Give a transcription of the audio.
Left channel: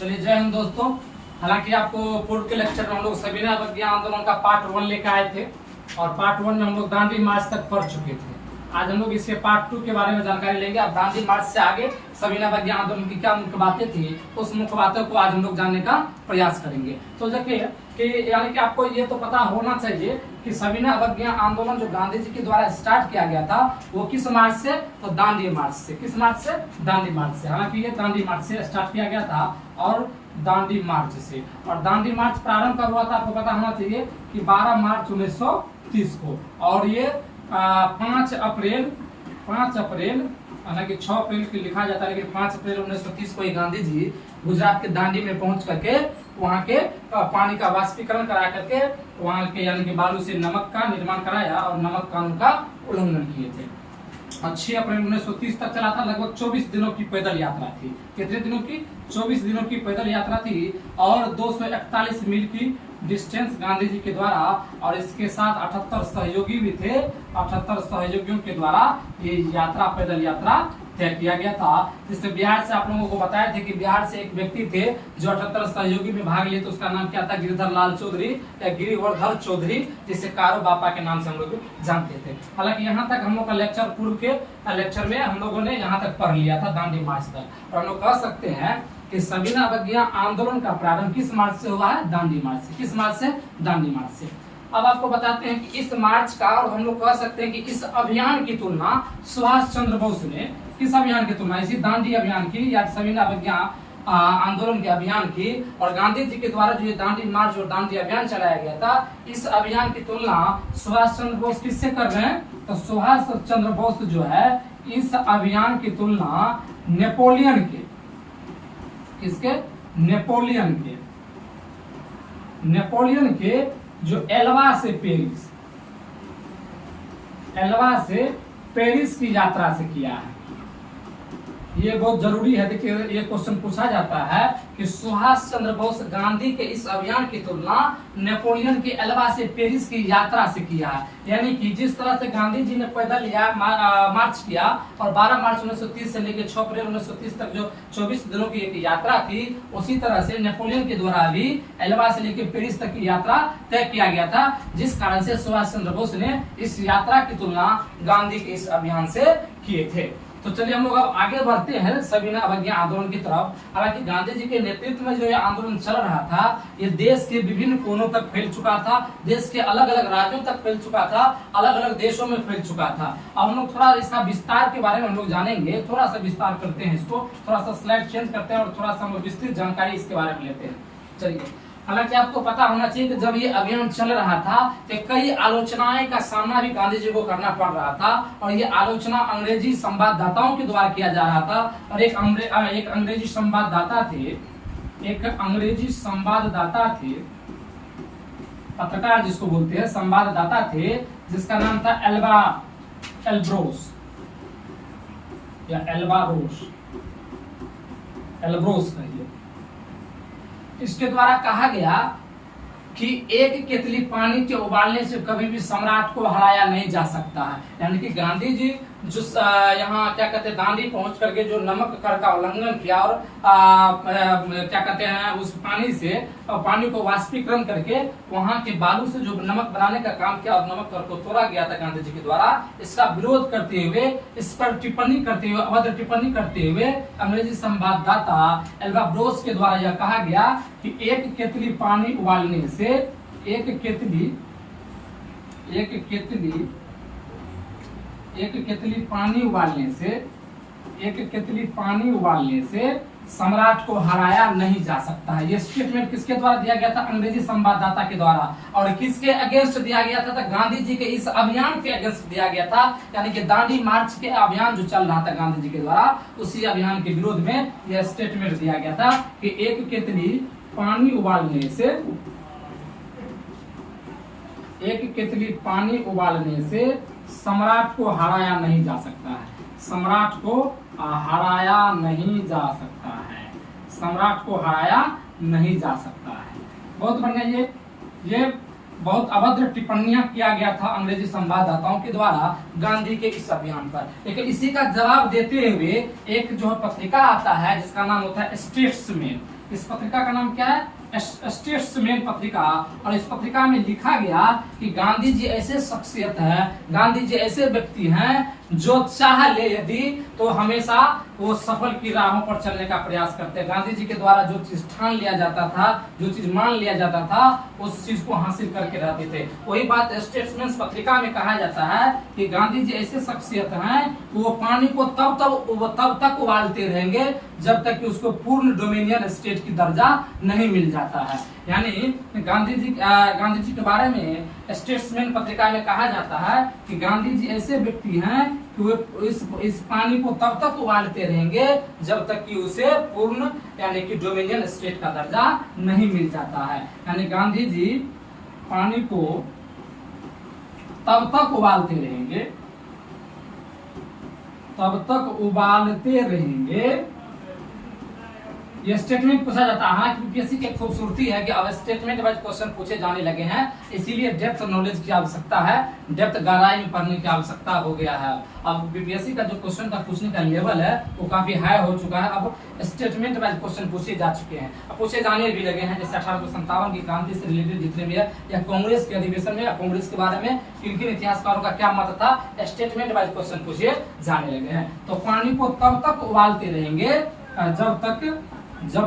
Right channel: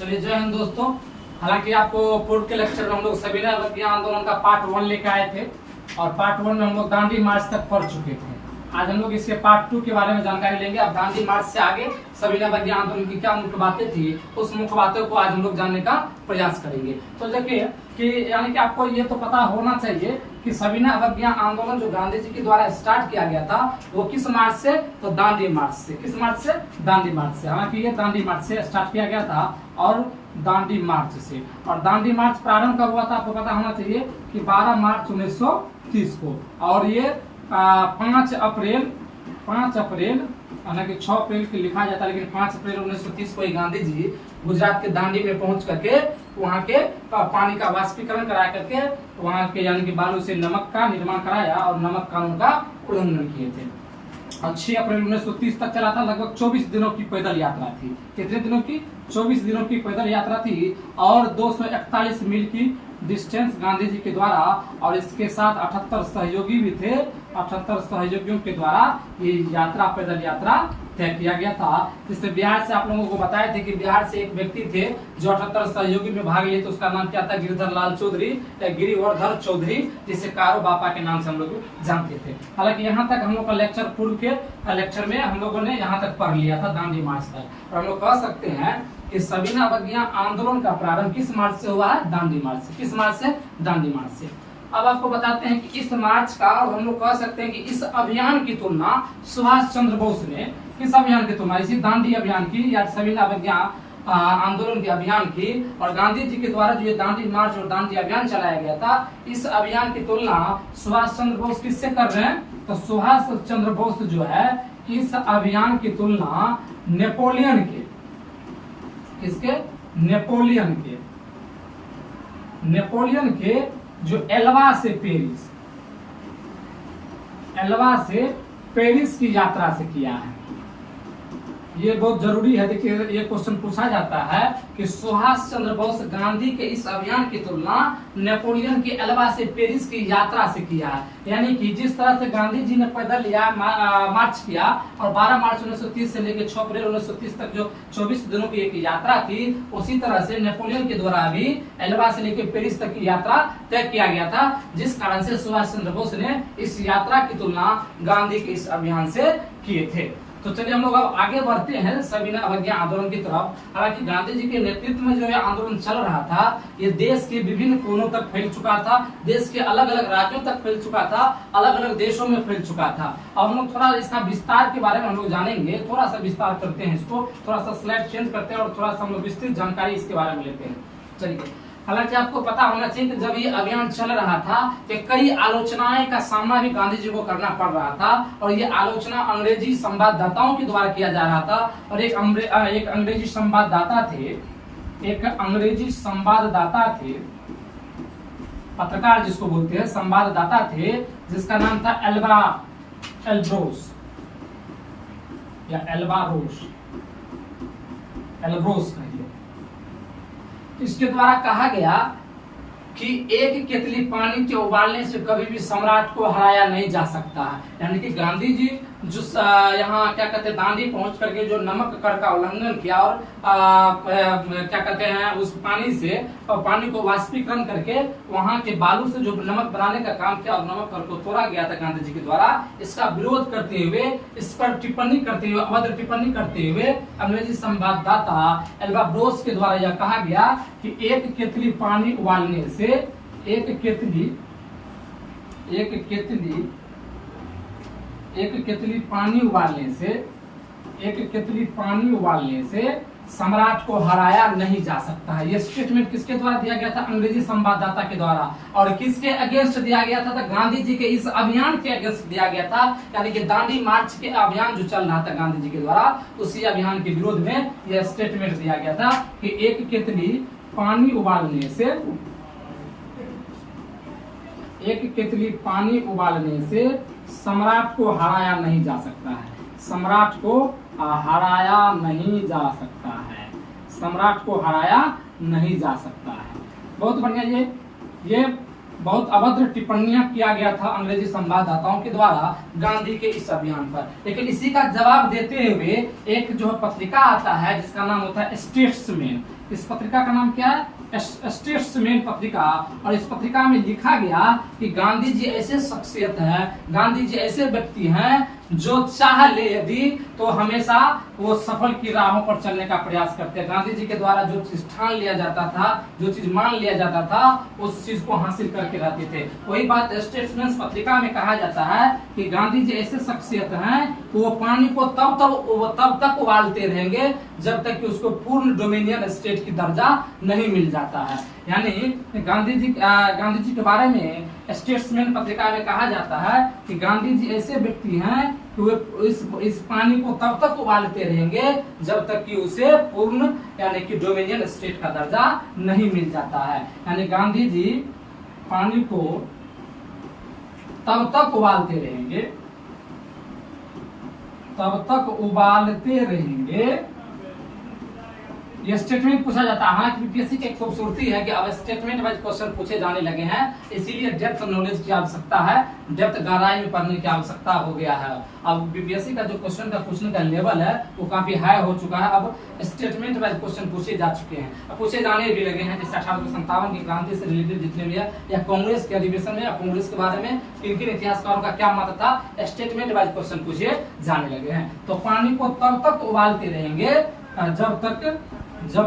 चलिए जय हिंद दोस्तों। हालांकि आपको पूर्व के लेक्चर में हम लोग सविनय अवज्ञा आंदोलन का पार्ट 1 लेकर आए थे और पार्ट 1 में हम लोग दांडी मार्च तक पढ़ चुके थे। आज हम लोग इसके पार्ट 2 के बारे में जानकारी लेंगे। अब दांडी मार्च से आगे सविनय अवज्ञा आंदोलन की क्या मुख्य बातें थी, उस मुख्य बातों को आज हम लोग जानने का प्रयास करेंगे। तो देखिए कि यानी कि आपको ये तो पता होना चाहिए कि सविनय अवज्ञा आंदोलन जो गांधी जी के द्वारा स्टार्ट किया गया था वो किस मार्च से, तो दांडी मार्च से। किस मार्च से? दांडी मार्च से। हालांकि ये दांडी मार्च से स्टार्ट किया गया था और दांडी मार्च से। और दांडी मार्च प्रारंभ कब हुआ था आपको पता होना चाहिए कि 12 मार्च 1930 को। और ये 5 अप्रैल हालांकि 6 अप्रैल की लिखा जाता है, लेकिन 5 अप्रैल 1930 को ही गांधी जी गुजरात के दांडी में पहुंच करके वहां के पानी का वाष्पीकरण करा करके वहां के यानी कि बालू से नमक का निर्माण कराया और नमक कानून का उल्लंघन किए थे। 6 अप्रैल 1930 तक चला था। लगभग 24 दिनों की पैदल यात्रा थी। कितने दिनों की? 24 दिनों की पैदल यात्रा थी और 241 मील की डिस्टेंस गांधी जी के द्वारा और इसके साथ 78 सहयोगी भी थे। 78 सहयोगियों के द्वारा ये यात्रा पैदल यात्रा तय किया गया था। जिससे बिहार से आप लोगों को बताए थे कि बिहार से एक व्यक्ति थे जो 78 सहयोगी में भाग लिए, तो उसका नाम क्या था? गिरिधर लाल चौधरी या गिरिवर्धर चौधरी, जिसे कारो बापा के नाम से हम लोग जानते थे। हालांकि यहाँ तक हम लोग का लेक्चर पूर्व के लेक्चर में हम लोगों ने यहाँ तक पढ़ लिया था दांडी मार्च तक। और हम लोग कह सकते हैं कि सविनय अवज्ञा आंदोलन का प्रारंभ किस मार्च से हुआ है? दांडी मार्च से। किस मार्च से? दांडी मार्च से। अब आपको बताते हैं कि इस मार्च का और हम लोग कह सकते हैं कि इस अभियान की तुलना सुभाष चंद्र बोस ने किस अभियान की तुलना? इसी दांडी अभियान की या सविनय अवज्ञा आंदोलन के अभियान की और गांधी जी के द्वारा जो ये दांडी मार्च और दांडी अभियान चलाया गया था, इस अभियान की तुलना सुभाष चंद्र बोस किससे कर रहे हैं? तो सुभाष चंद्र बोस जो है इस अभियान की तुलना नेपोलियन के, इसके नेपोलियन के जो एल्वा से पेरिस की यात्रा से किया है। ये बहुत जरूरी है। देखिए ये क्वेश्चन पूछा जाता है कि सुभाष चंद्र बोस गांधी के इस अभियान की तुलना नेपोलियन के एल्वा से पेरिस की यात्रा से किया है। यानी कि जिस तरह से गांधी जी ने पैदल मार्च किया और 12 मार्च 1930 से लेकर 6 अप्रैल 1930 तक जो 24 दिनों की एक यात्रा थी, उसी तरह से नेपोलियन के द्वारा भी एल्वा से लेकर पेरिस तक की यात्रा तय किया गया था। जिस कारण से सुभाष चंद्र बोस ने इस यात्रा की तुलना गांधी के इस अभियान से किए थे। तो चलिए हम लोग अब आगे बढ़ते हैं सविनय अवज्ञा आंदोलन की तरफ। हालांकि गांधी जी के नेतृत्व में जो ये आंदोलन चल रहा था, ये देश के विभिन्न कोनों तक फैल चुका था, देश के अलग अलग राज्यों तक फैल चुका था, अलग अलग देशों में फैल चुका था। अब हम लोग थोड़ा इसका विस्तार के बारे में हम लोग जानेंगे। थोड़ा सा विस्तार करते हैं इसको, थोड़ा सा स्लाइड चेंज करते हैं और थोड़ा सा हम लोग विस्तृत जानकारी इसके बारे में लेते हैं। चलिए, हालांकि आपको पता होना चाहिए कि जब ये अभियान चल रहा था तो कई आलोचनाएं का सामना भी गांधी जी को करना पड़ रहा था। और ये आलोचना अंग्रेजी संवाददाताओं के द्वारा किया जा रहा था। और एक अंग्रेजी संवाददाता थे, पत्रकार जिसको बोलते हैं, संवाददाता थे, जिसका नाम था एल्ब्रोस या एल्ब्रोस कहिए। इसके द्वारा कहा गया कि एक केतली पानी के उबालने से कभी भी सम्राट को हराया नहीं जा सकता है। यानी कि गांधी जी जो यहाँ क्या कहते हैं दांडी पहुंच करके जो नमक कर का उल्लंघन किया और क्या कहते हैं उस पानी को वाष्पीकरण करके वहां के बालू से जो नमक बनाने का काम किया और नमक कर को तोड़ा गया था गांधी जी के द्वारा, इसका विरोध करते हुए, इस पर टिप्पणी करते हुए, अभद्र टिप्पणी करते हुए अंग्रेजी संवाददाता एल्ब्रोस के द्वारा यह कहा गया कि एक केतली पानी उबालने से एक केतली पानी उबालने से सम्राट को हराया नहीं जा सकता है। ये स्टेटमेंट किसके द्वारा दिया गया था? अंग्रेजी संवाददाता के द्वारा। और किसके अगेंस्ट दिया गया था? गांधी जी के इस अभियान के अगेंस्ट दिया गया था। यानी कि दांडी मार्च के अभियान जो चल रहा था गांधी जी के द्वारा, उसी अभियान के विरोध में यह स्टेटमेंट दिया गया था कि एक केतली पानी उबालने से सम्राट को हराया नहीं जा सकता है। सम्राट को हराया नहीं जा सकता है। बहुत बढ़िया। ये बहुत अभद्र टिप्पणियां किया गया था अंग्रेजी संवाददाताओं के द्वारा गांधी के इस अभियान पर। लेकिन इसी का जवाब देते हुए एक जो पत्रिका आता है जिसका नाम होता है स्टेट्समैन, इस पत्रिका का नाम क्या है? स्टेट्समैन पत्रिका। और इस पत्रिका में लिखा गया कि गांधी जी ऐसे शख्सियत है, गांधी जी ऐसे व्यक्ति हैं जो चाह ले यदि तो हमेशा वो सफल की राहों पर चलने का प्रयास करते हैं। गांधी जी के द्वारा जो चीज ठान लिया जाता था, जो चीज मान लिया जाता था, उस चीज को हासिल करके रहते थे। वही बात स्टेट्समैन पत्रिका में कहा जाता है कि गांधी जी ऐसे शख्सियत हैं वो पानी को तब तक उबालते रहेंगे जब तक कि उसको पूर्ण डोमिनियन स्टेट की दर्जा नहीं मिल जाता है। यानी गांधी जी के बारे में स्टेट्समैन पत्रिका में कहा जाता है कि गांधी जी ऐसे व्यक्ति हैं कि वे इस पानी को तब तक उबालते रहेंगे जब तक कि उसे पूर्ण यानी कि डोमिनियन स्टेट का दर्जा नहीं मिल जाता है। यानी गांधी जी पानी को तब तक उबालते रहेंगे, तब तक उबालते रहेंगे। ये स्टेटमेंट पूछा जाता है। हाँ, यूपीएससी की खूबसूरती है कि अब स्टेटमेंट वाइज क्वेश्चन पूछे जाने लगे हैं, इसीलिए डेप्थ नॉलेज की आवश्यकता है, डेप्थ गहराई में पढ़ने की आवश्यकता हो गया है। अब यूपीएससी का जो क्वेश्चन का पूछने का लेवल है वो काफी हाई हो चुका है। अब स्टेटमेंट वाइज क्वेश्चन पूछे जा चुके हैं, अब पूछे जाने भी लगे हैं। जैसे 1857 की क्रांति से रिलेटेड जितने भी है, या कांग्रेस के अधिवेशन में या कांग्रेस के बारे में किन किन इतिहासकारों का क्या मत था, स्टेटमेंट वाइज क्वेश्चन पूछे जाने लगे हैं। तो पानी को तब तक उबालते रहेंगे जब तक